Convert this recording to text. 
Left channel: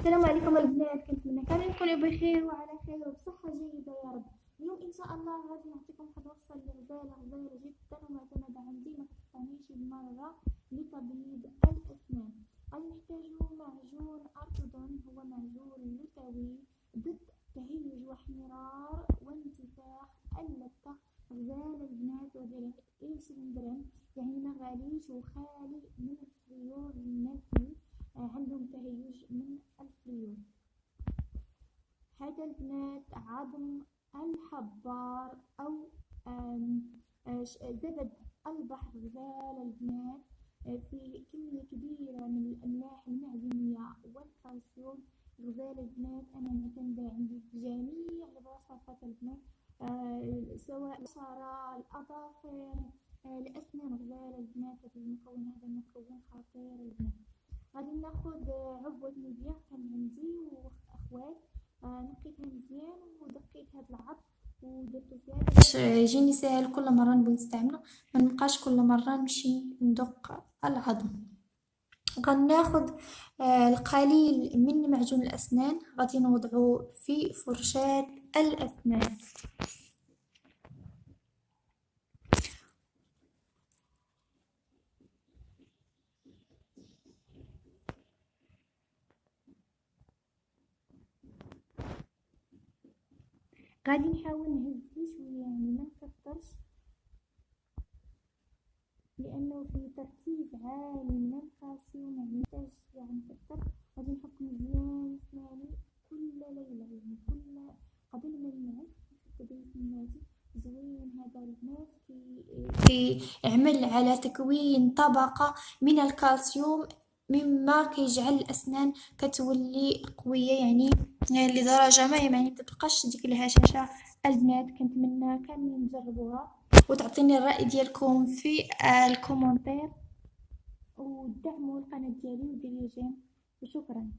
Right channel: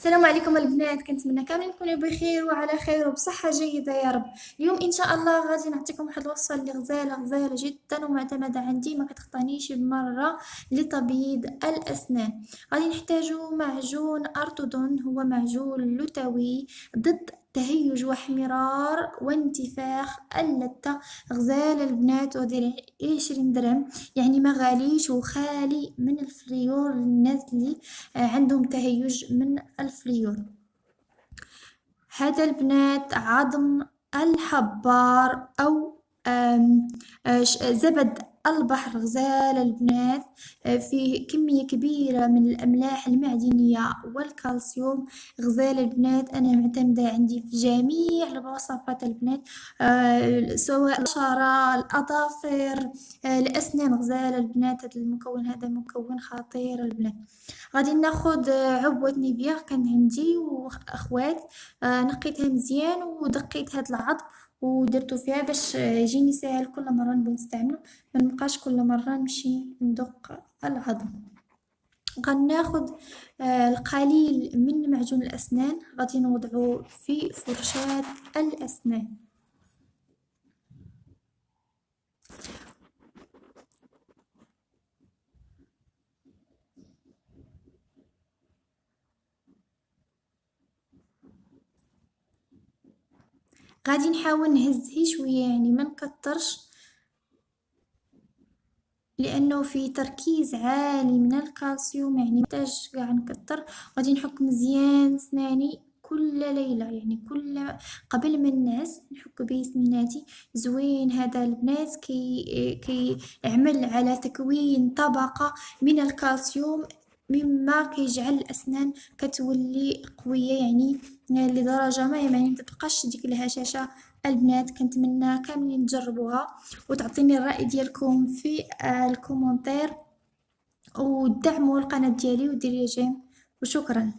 السلام عليكم البنات، كنتمنى كاملين تكونوا بخير وعلى خير وبصحة جيدة يا رب. اليوم ان شاء الله غادي نعطيكم واحد الوصفة اللي غزالة جدا ومعتمدة عندي، ما كتخطانيش بمرة لتبييض الاسنان. غادي نحتاجو معجون ارتودون، هو معجون لثوي ضد تهيج واحمرار وانتفاخ اللثة. غزال البنات ودير 20 درهم، يعني ما غاليش وخالي من الفليور للناس اللي عندهم تهيج من الفليور. هذا البنات عظم الحبار أو زبد البحر. غزال البنات فيه كمية كبيرة من الأملاح المعدنية والكالسيوم. غزال البنات أنا معتمدة عندي في جميع الوصفات البنات، سواء البشرة، الأظافر، الأسنان. غزال البنات هذا المكون هذا مكون خطير البنات. غادي ناخد عبوة نيفيا كان عندي واخوات، نقيتها مزيان ودقيت هاد العظم ودرتو فيها باش يجيني ساهل كل مرة نبغي نستعملو، ما نبقاش كل مرة نمشي ندق العظم. غناخد القليل من معجون الأسنان، غادي نوضعو في فرشاة الأسنان. غادي نحاول نهزه شوية، يعني ما نكترش لانه في تركيز عالي من الكالسيوم، يعني محتاج قاع نكتر. غادي نحك مزيان سناني كل ليلة، يعني قبل ما ننعس نحك بيه سنيناتي زوين. هذا البنات كي يعمل على تكوين طبقة من الكالسيوم، مما كيجعل الأسنان كتولي قوية، يعني لدرجة ما يعني متبقاش ديك الهشاشة. البنات كنتمنى كاملين تجربوها وتعطيني الرأي ديالكم في الكومنتير، ودعموا القناة ديالي وديري جيم، وشكرا.